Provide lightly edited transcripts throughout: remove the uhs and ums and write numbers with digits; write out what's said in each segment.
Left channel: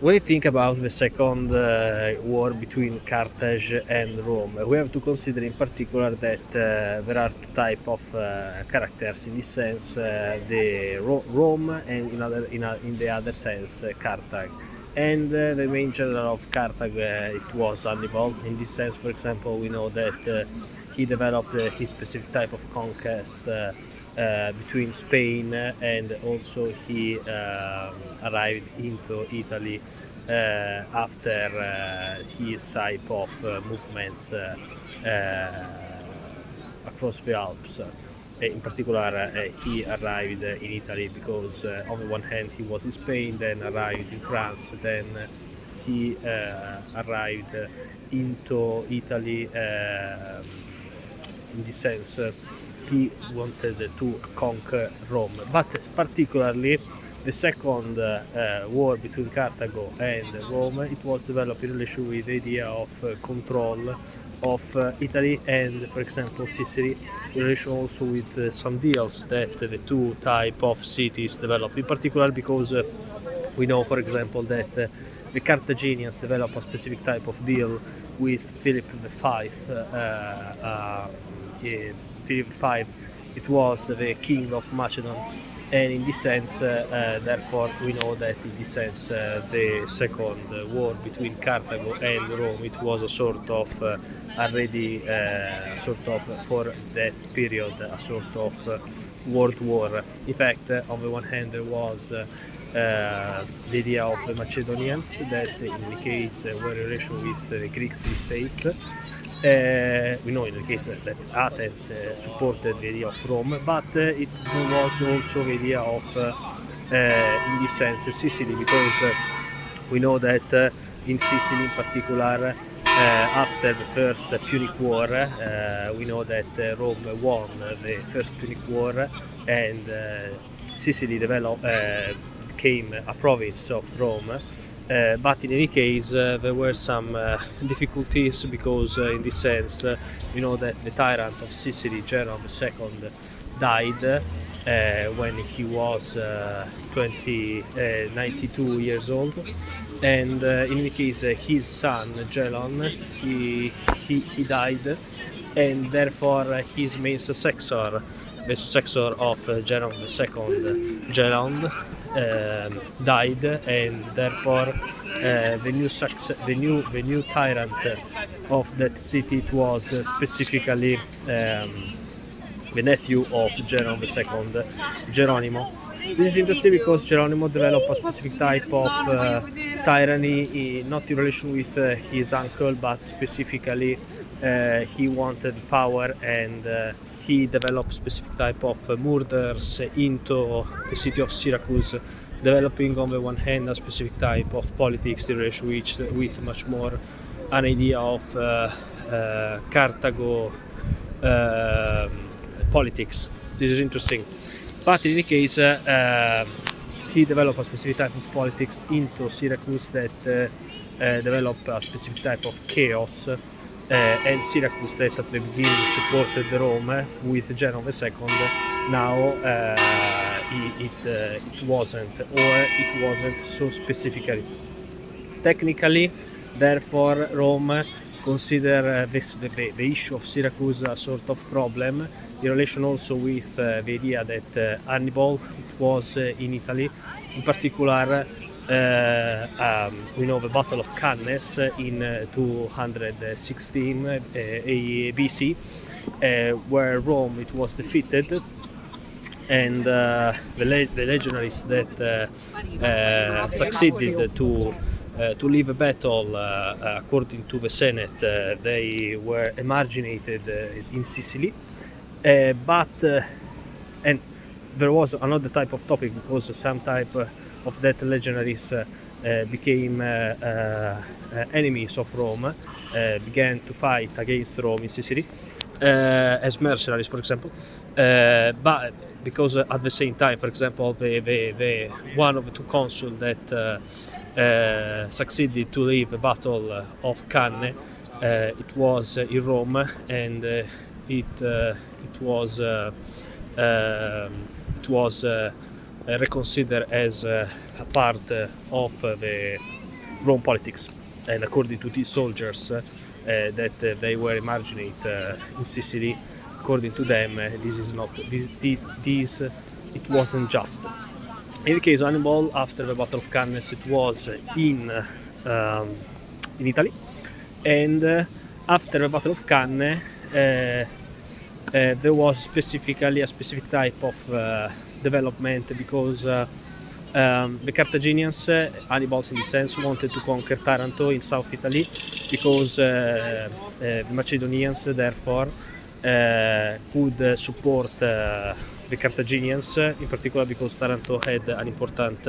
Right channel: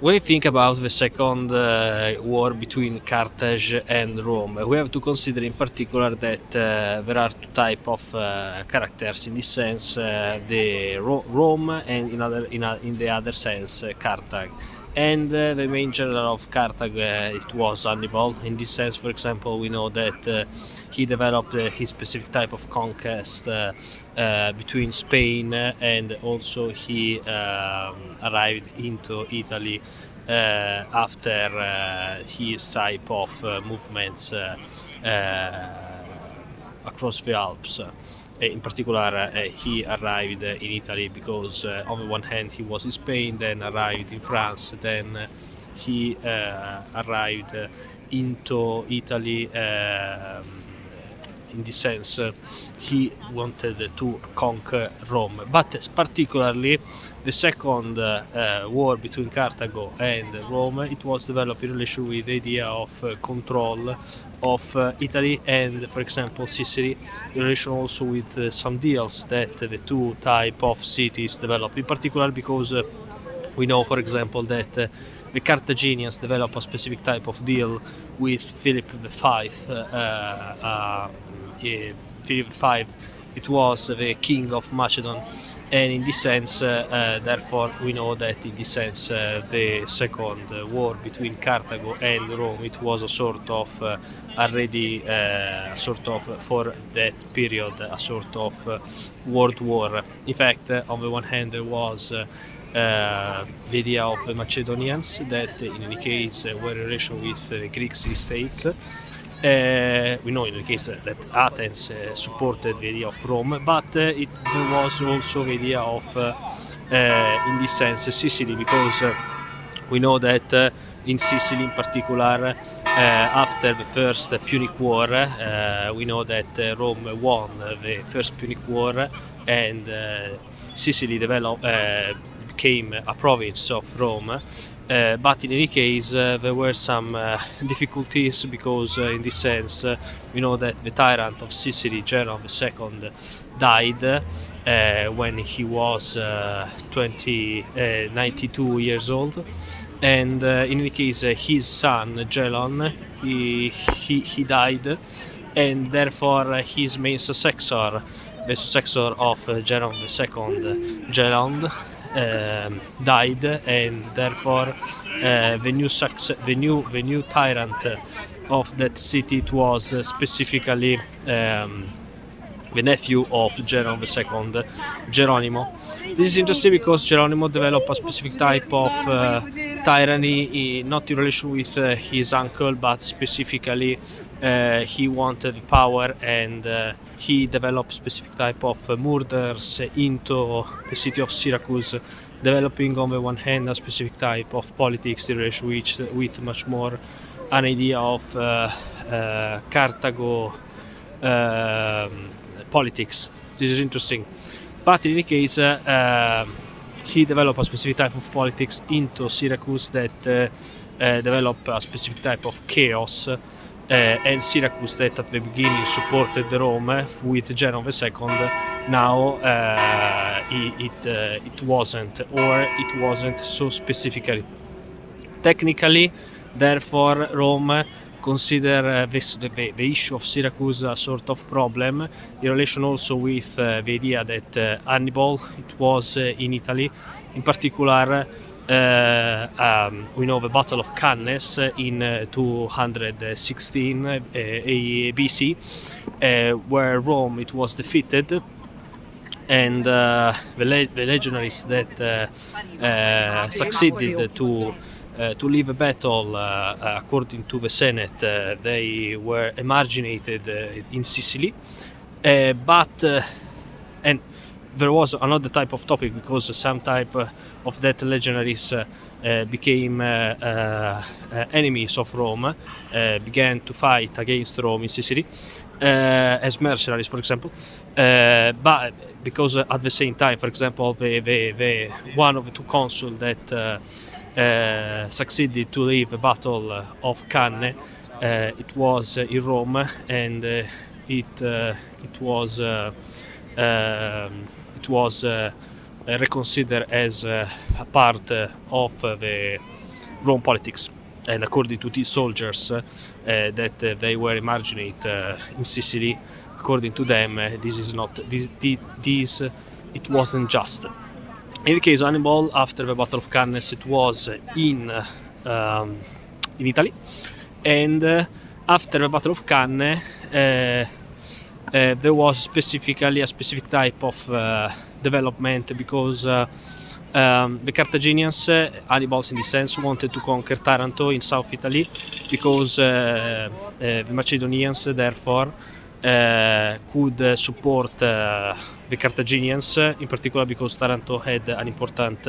When we think about the second war between Carthage and Rome, we have to consider in particular that there are two types of characters. In this sense, the Rome, and in the other sense, Carthage. And the main general of Carthage, it was Hannibal. In this sense, for example, we know that he developed his specific type of conquest between Spain, and also he arrived into Italy after his type of movements across the Alps. In particular, he arrived in Italy because on the one hand he was in Spain, then arrived in France, then he arrived into Italy. In this sense, he wanted to conquer Rome, but particularly the second war between Carthago and Rome, it was developed in relation with the idea of control of Italy and, for example, Sicily, in relation also with some deals that the two type of cities developed, in particular because we know, for example, that the Carthaginians developed a specific type of deal with Philip V. Philip V, it was the king of Macedon, and in this sense, therefore, we know that in this sense, the second war between Carthago and Rome, it was a sort of already sort of for that period a sort of world war. In fact, on the one hand, there was the idea of the Macedonians that in any case were in relation with Greek states. We know in the case that Athens supported the idea of Rome, but there was also the idea of, in this sense, Sicily, because we know that in Sicily in particular, after the first Punic War, we know that Rome won the first Punic War, and Sicily became a province of Rome. But in any case, there were some difficulties because, in this sense, we know that the tyrant of Sicily, General II, died when he was 92 years old, and in any case, his son Gelon, he died, and therefore his main successor, the successor of General II, Gelon, died, and therefore the new tyrant of that city, it was specifically the nephew of General II, Geronimo. This is interesting because Geronimo developed a specific type of tyranny, not in relation with his uncle, but specifically he wanted power, and he developed specific type of murders into the city of Syracuse, developing on the one hand a specific type of politics in relation with much more an idea of Carthago politics. This is interesting. But in any case, he developed a specific type of politics into Syracuse that developed a specific type of chaos, and Syracuse that at the beginning supported Rome with General II, now it wasn't so specifically. Technically, therefore, Rome consider the issue of Syracuse a sort of problem in relation also with the idea that Hannibal, it was in Italy, in particular. We know the Battle of Cannes in 216 BC, where Rome it was defeated, and the legionaries that succeeded to leave a battle, according to the Senate, they were emarginated in Sicily, but and there was another type of topic because some type of that legionaries became enemies of Rome, began to fight against Rome in Sicily as mercenaries, for example, but because at the same time, for example, the one of the two consuls that succeeded to leave the Battle of Cannes, it was in Rome, and it was reconsidered as a part of the Rome politics. And according to these soldiers that they were imagining in Sicily, according to them, it wasn't just. In the case of Hannibal, after the Battle of Cannes, it was in Italy, and after the Battle of Cannes, there was specifically a specific type of development, because the Carthaginians, Hannibals in this sense, wanted to conquer Taranto in South Italy, because the Macedonians therefore could support the Carthaginians, in particular because Taranto had an important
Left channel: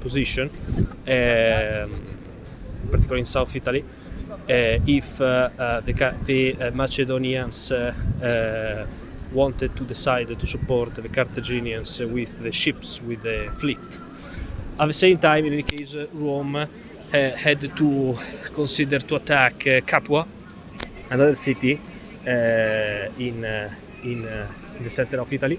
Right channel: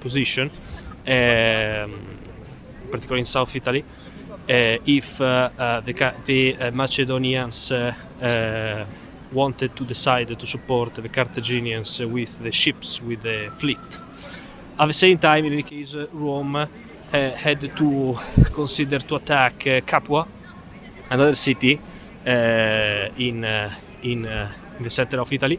position, particularly in South Italy. If the Macedonians wanted to decide to support the Carthaginians with the ships, with the fleet. At the same time, in any case, Rome had to consider to attack Capua, another city in the center of Italy.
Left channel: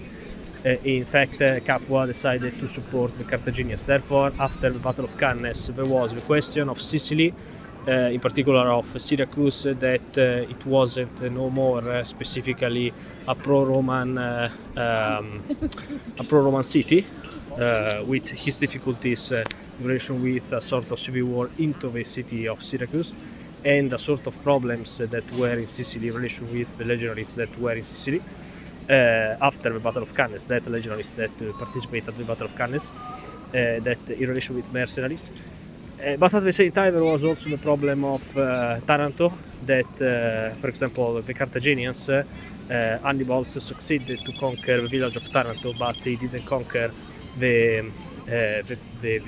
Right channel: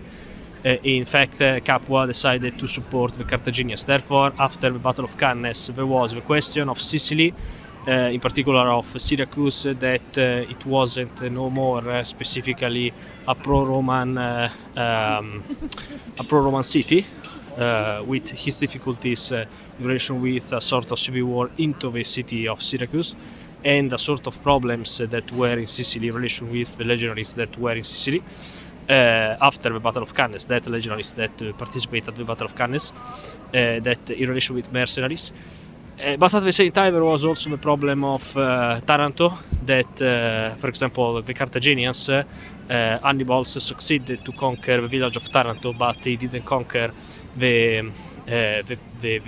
In fact, Capua decided to support the Carthaginians. Therefore, after the Battle of Cannes, there was the question of Sicily, in particular of Syracuse, that it wasn't no more specifically a pro-Roman city, with his difficulties in relation with a sort of civil war into the city of Syracuse, and a sort of problems that were in Sicily in relation with the legionaries that were in Sicily after the Battle of Cannes, that legionaries that participated in the Battle of Cannes, that in relation with mercenaries. But at the same time, there was also the problem of Taranto, that, for example, the Carthaginians, Hannibal succeeded to conquer the village of Taranto, but he didn't conquer the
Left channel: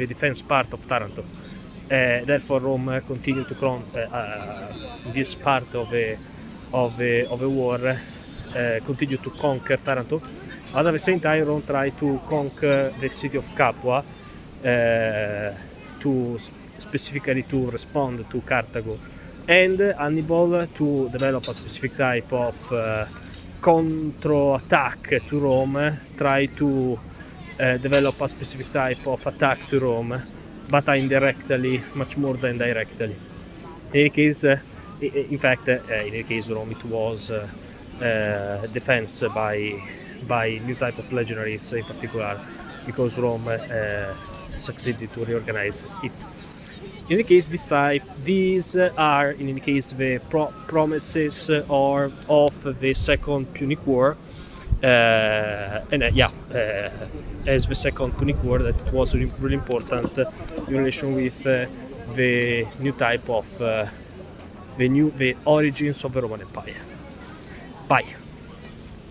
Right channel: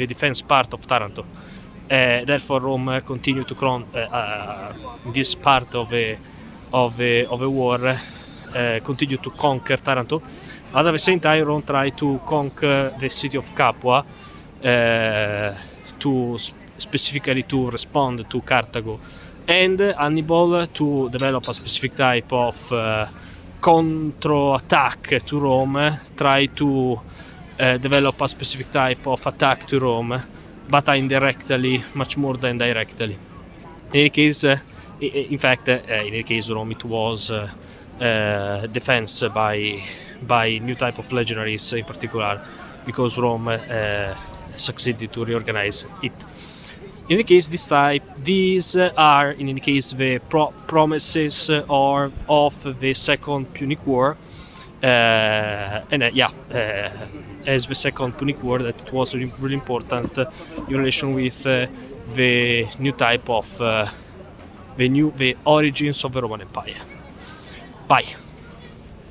defense part of Taranto. Therefore, Rome continued to this part of the war, continued to conquer Taranto. But at the same time, Rome tried to conquer the city of Capua, specifically to respond to Carthago, and Hannibal, to develop a specific type of counter-attack to Rome, tried to develop a specific type of attack to Rome, but indirectly, much more than directly. In any case, in any case, Rome, it was defense by new type of legionaries, in particular because Rome succeeded to reorganize it. In any case, these are in any case the promises of the Second Punic War, as the Second Punic War, that it was really important in relation with the new type of the origins of the Roman Empire. Bye.